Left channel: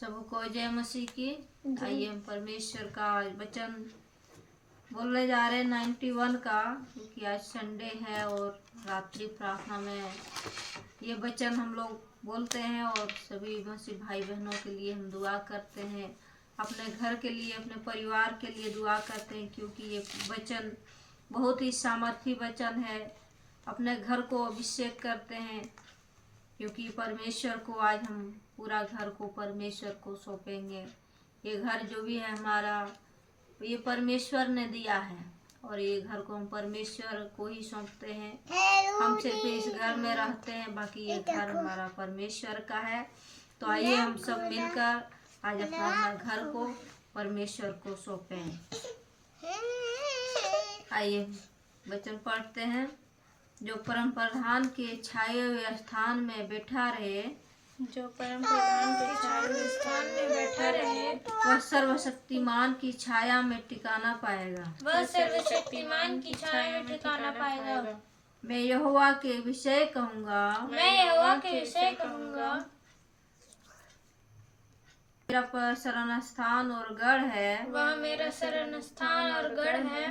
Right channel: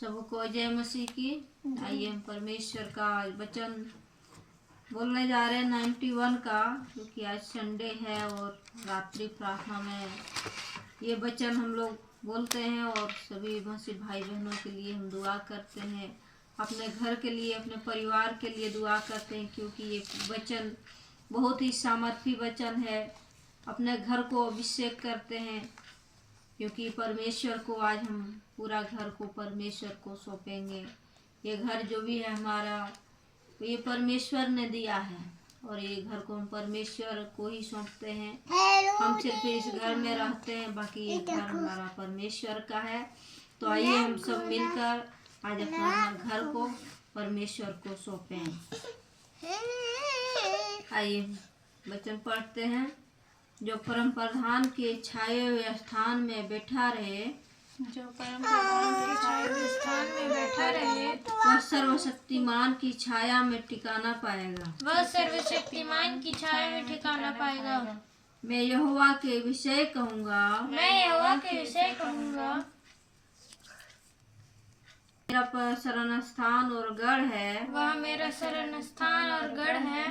सबको जय मसीह की। आइए हम परमेश्वर का वचन बोलने जा रहे हैं 91 का, क्योंकि आज संडे है और रात्रि प्रार्थना में ये वचन हम लोग बोलते हैं और सभी मसीह भाई बहनों के लिए हम दुआ करते हैं, अपने घर के लिए, अपने परिवार के लिए दुआ करते हैं, क्योंकि ये वचन बहुत ही सामर्थी वचन है। अपने घर को अभिषेक करते हैं, क्योंकि परमेश्वर को आज हम पूरा घर को परमेश्वर को सौंपेंगे। ये घर जो भी है हमारा, ये परमेश्वर ने दिया है और ये घर को हम परमेश्वर को ही सौंपते हैं। हम सिर्फ इस घर में रहते हैं, बाकी ये घर हमारा परमेश्वर का है। तो आइए हम सब मिलकर आज अपना घर को परमेश्वर को सौंपें। आइए वचन पढ़ते हैं। जो परम प्रधान के छाए हुए स्थान में बैठा रहे, जो परम प्रधान के छाए हुए स्थान में बैठा रहे, वह सर्वशक्तिमान की छाया में ठिकाना पाएगा। वह सर्वशक्तिमान की छाया में ठिकाना पाएगा। मैं यहोवा के विषय कहूँगा, मैं यहोवा के विषय कहूँगा, मेरा शरण स्थान और गढ़ है। वह मेरा शरण स्थान और गढ़ है।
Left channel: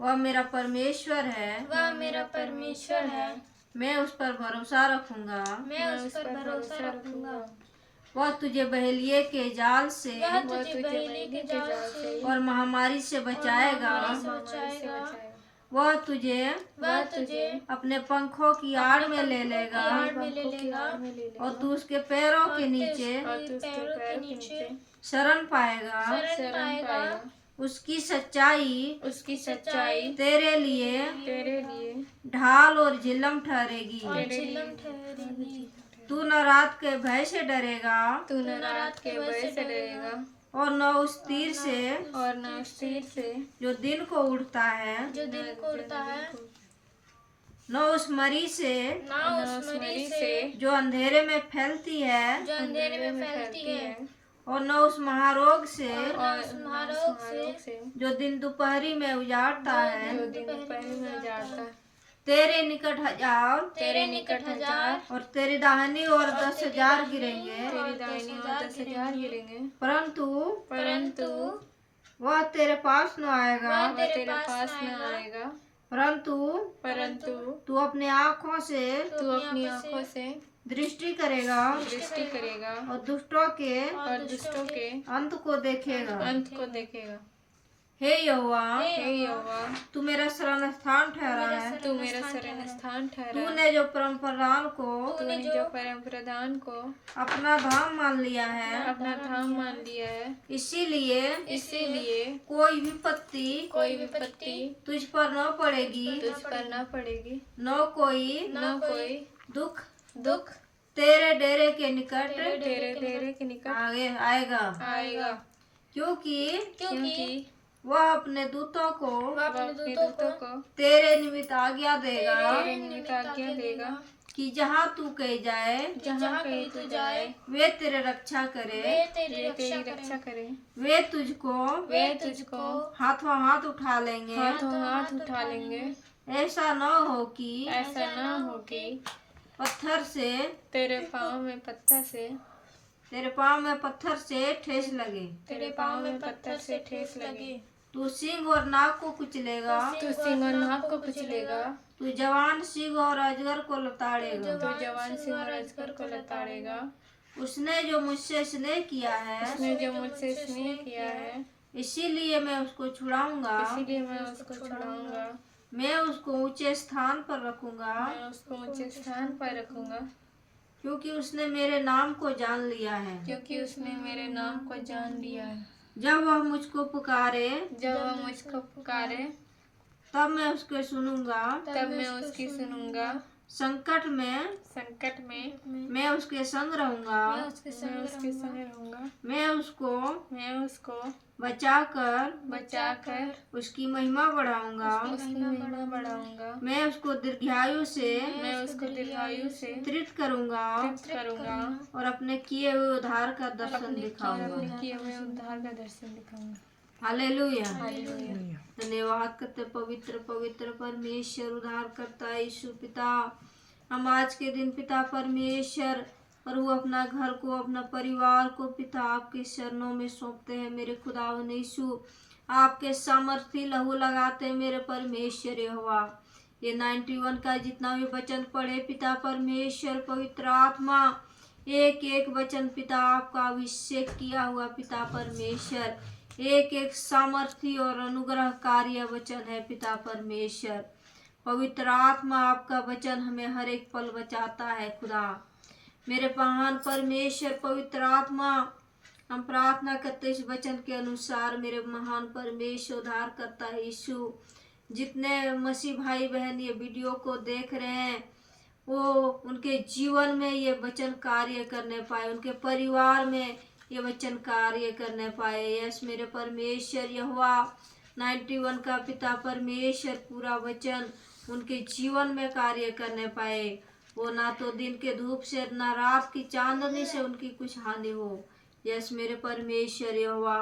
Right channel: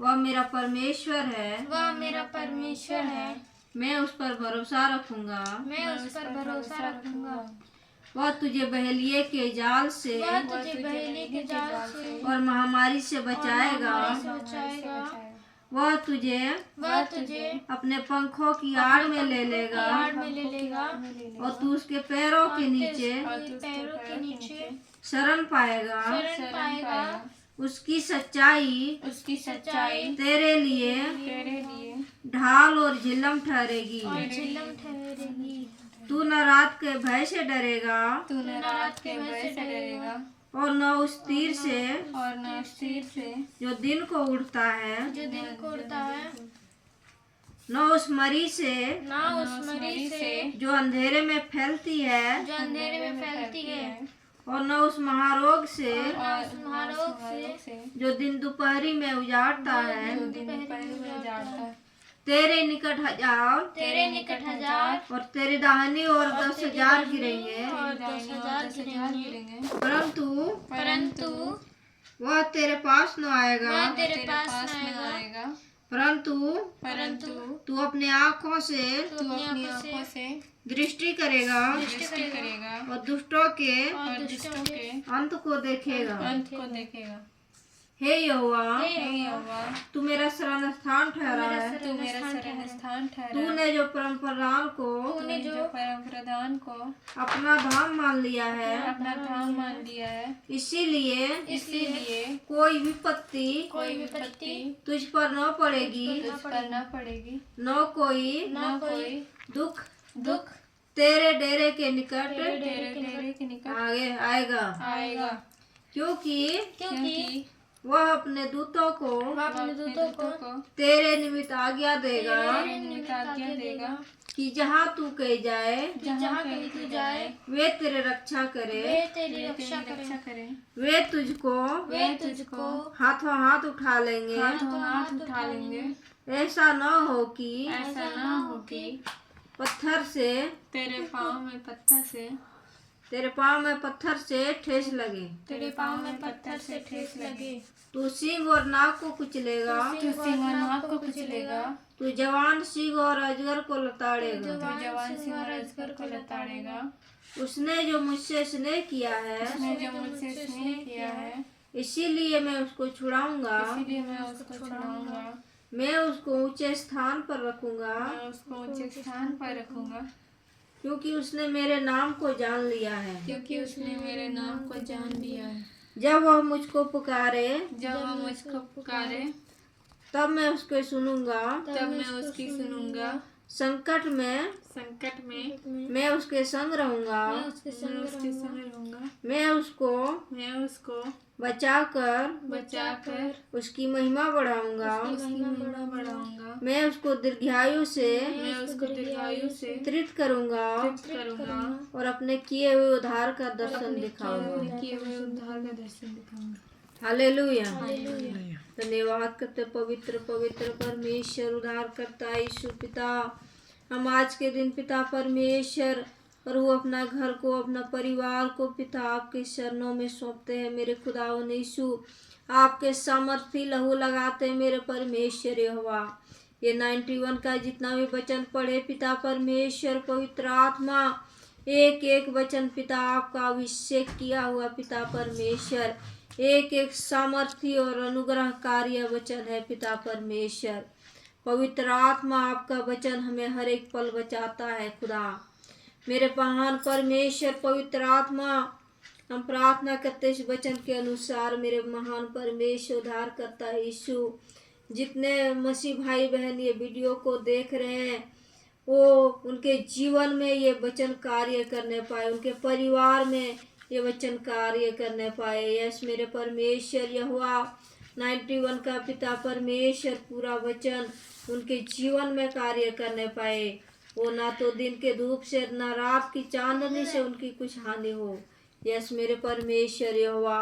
वह मेरा परमेश्वर है। वह मेरा परमेश्वर है। मैं उस पर भरोसा रखूंगा। मैं उस पर भरोसा रखूंगा। वह तुझे बहेलिये के जाल से वह तुझे बहेलिये के जाल से और महामारी से बचाएगा। वह तुझे अपने पंखों की आड़ में ले लेगा और तू उसके पैरों के नीचे शरण पाएगा। उसकी सच्चाई तेरे लिए ढाल और झिल्लम ठहरेगी। तू न रात के भय से डरेगा और न उस तीर से जो दिन को उड़ता है, न उस मरी से जो अंधेरे में फैलती है, और न उस महारोग से जो दिन दोपहरी में उजाड़ता है। तेरे निकट हजार और तेरे दाहिनी ओर 10,000 गिरेंगे, परंतु वह तेरे पास न आएगा। परंतु तू अपने आँखों से दृष्टि करेगा और दुष्टों के अंत को देखेगा। हे यहोवा, तू मेरा शरण स्थान ठहरा है। तूने जो परम प्रधान को अपना धाम मान लिया है। इसीलिए कोई विपत्ति तुझ पर न पड़ेगी, न कोई दुख तेरे डेरे के निकट आगे आएगा, क्योंकि वह अपने दूतों को तेरे निमित्त आज्ञा देगा कि जहाँ तू कहीं जाए वे तेरे रक्षा करे। वे तुझको हाथों हाथ उठा लेंगे। ऐसा न हो कि पत्थर से तेरे पाँव में पत्थर से ठेस लगे। तू सिंह और नाग को कुचलेगा। तू जवान सिंह और अजगर को लताड़ेगा। उसने जो मुझसे स्नेह किया है, इसीलिए मैं उसको छुड़ाऊंगा। मैं उसको ऊंचे स्थान पर रखूंगा, क्योंकि उसने मेरे नाम को जान लिया है। जब वह मुझको पुकारे, तब मैं उसके सुनूंगा। संकट में मैं उसके संग रहूंगा। मैं उसको बचाकर उसकी महिमा बढ़ाऊंगा। मैं उसको दीर्घायु से तृप्त करूंगा और अपने किए हुए उद्धार का दर्शन दिखाऊंगा। हालेलुया। धन्यवाद करते पवित्र परमेश्वर, उद्धार करता यीशु पिता। हम आज के दिन पिता परमेश्वर प्रभु अपना घर को, अपना परिवार को पिता आपके चरणों में सौंपते हैं मेरे खुदावन यीशु। आपके सामर्थी लहू लगाते हैं मेरे परमेश्वर यहोवा। ये 91 का जितना भी वचन पढ़े पिता परमेश्वर, पवित्र आत्मा एक एक वचन पिता आपका अभिषेक किया हुआ पिता परमेश्वर, एक एक सामर्थी और अनुग्रहकारी वचन है पिता परमेश्वर। पवित्र आत्मा आपका वचन हमें हर एक पल बचाता है खुदा। मेरे महान परमेश्वर पवित्र आत्मा, हम प्रार्थना करते इस वचन के अनुसार मेरे महान परमेश्वर उद्धार करता है यीशु। जितने मसीह भाई बहन ये वीडियो को देख रहे हैं, वो उनके जीवन में ये वचन कार्य करने पाए, उनके परिवार में ये वचन कार्य करने पाए। यस मेरे परमेश्वर यहोवा, 91 का पिता परमेश्वर पूरा वचन उनके जीवन में कार्य करने पाए। वो ना तो दिन के धूप से ना रात की चांदनी से उनकी कुछ हानि हो। यस मेरे परमेश्वर यहोवा,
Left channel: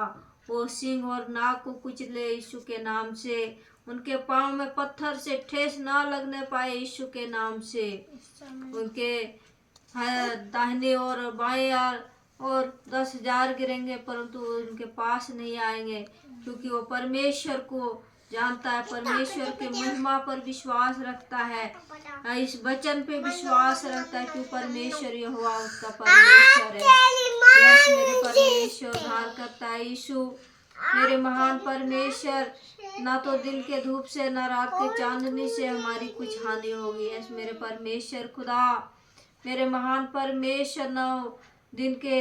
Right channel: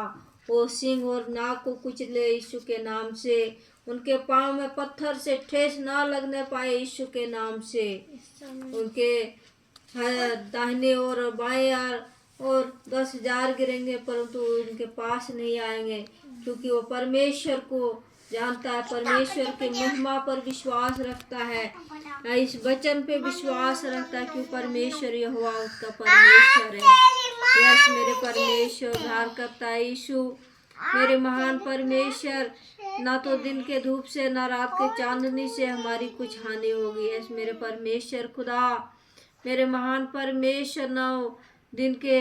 वो सिंह और नाग को कुचले यीशु के नाम से, उनके पाँव में पत्थर से ठेस ना लगने पाए यीशु के नाम से। उनके दाहिने और बाएं और 10,000 गिरेंगे परंतु उनके पास नहीं आएंगे, क्योंकि वो परमेश्वर को जानता है, परमेश्वर के महिमा पर विश्वास रखता है, इस वचन पे विश्वास रखता है, क्यों परमेश्वर यहोवा उसका परमेश्वर है। यस मेरे परमेश्वर उद्धार करता है यीशु। मेरे महान परमेश्वर, ना तो दिन के धूप से ना रात के चांदनी से हमारी कुछ हानि होगी। यस मेरे परमेश्वर खुदा, मेरे महान परमेश्वर, ना दिन के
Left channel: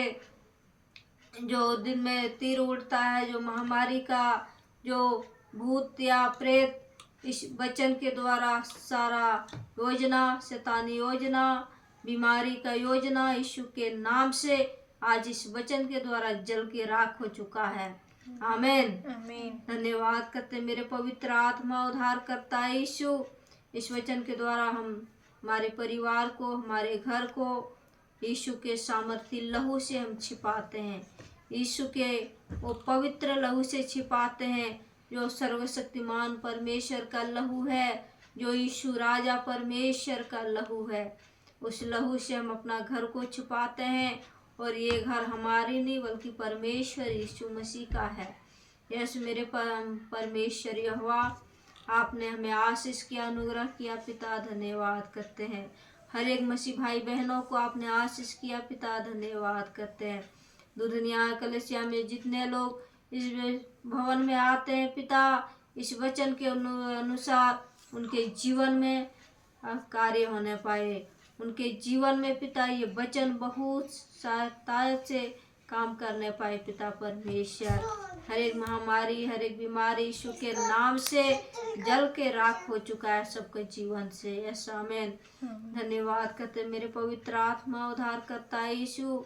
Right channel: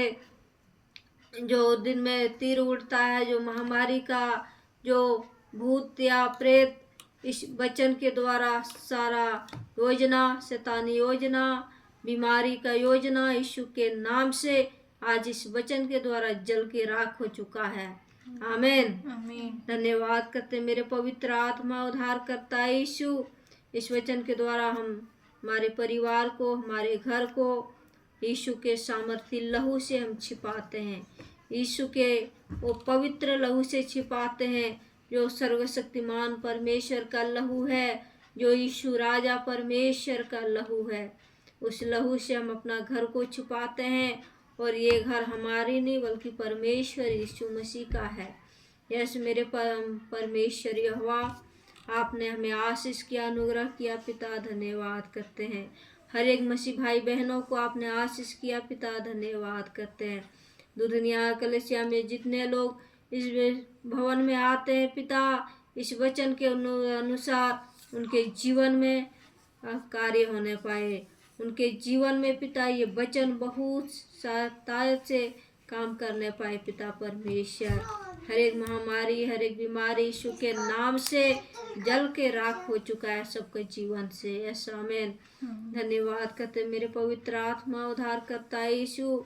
जो दिन में तीर उड़ता है, जो महामारी का, जो भूत या प्रेत, इस वचन के द्वारा सारा योजना, शैतानी योजना, बीमारी का योजना यीशु के नाम से आज इस वचन के द्वारा जल के राख हो चुका है। आमीन। धन्यवाद करते मेरे पवित्र आत्मा उद्धार करता है यीशु। इस वचन के द्वारा हम हमारे परिवार को, हमारे घर को यीशु के सामर्थी लहू से हम छिपाते हैं, यीशु के वो पवित्र लहू से छिपाते हैं, जो सर्वशक्तिमान परमेश्वर का लहू है, जो यीशु राजा परमेश्वर का लहू है। उस लहू से हम अपना घर को छुपाते हैं, और ये घर हमारी नहीं बल्कि परमेश्वर यीशु मसीह का है। यस मेरे परमेश्वर यहोवा, आपने हमें आशीष किया, अनुग्रह किया पिता, धन्यवाद करते हैं। हर एक मसीह भाई बहनों को आपने आशीष किया पिता, धन्यवाद करते हैं। दुनिया कलेसिया में जितने लोग इस भवन में आते हैं पिता, इस वचन के अनुसार उनके जीवन में कार्य होने पाए, उनके जीवन में पिता ये वचन बहुत ताकत से काम करने पाए पिता परमेश्वर। हर एक महामारी, हर एक बीमारी यीशु के नाम से जल के राख हो चुका है सबके जीवन से। यस आमीन। धन्यवाद करते मेरे पवित्र आत्मा उद्धार करता है यीशु।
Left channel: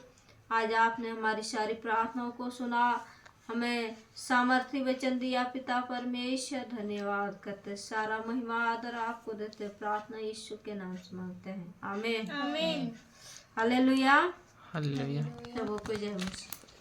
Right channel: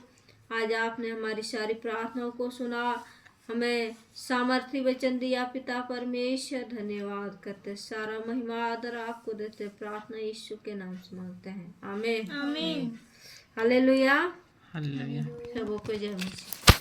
आज आपने हमारी सारी प्रार्थनाओं को सुना, हमें सामर्थ्य वचन दिया पिता परमेश्वर, धन्यवाद करते। सारा महिमा आदर आपको देते, प्रार्थना यीशु के नाम से मांगते हैं। आमीन। आमीन। हालेलुया। हालेलुया। प्रभु को जय मसीह।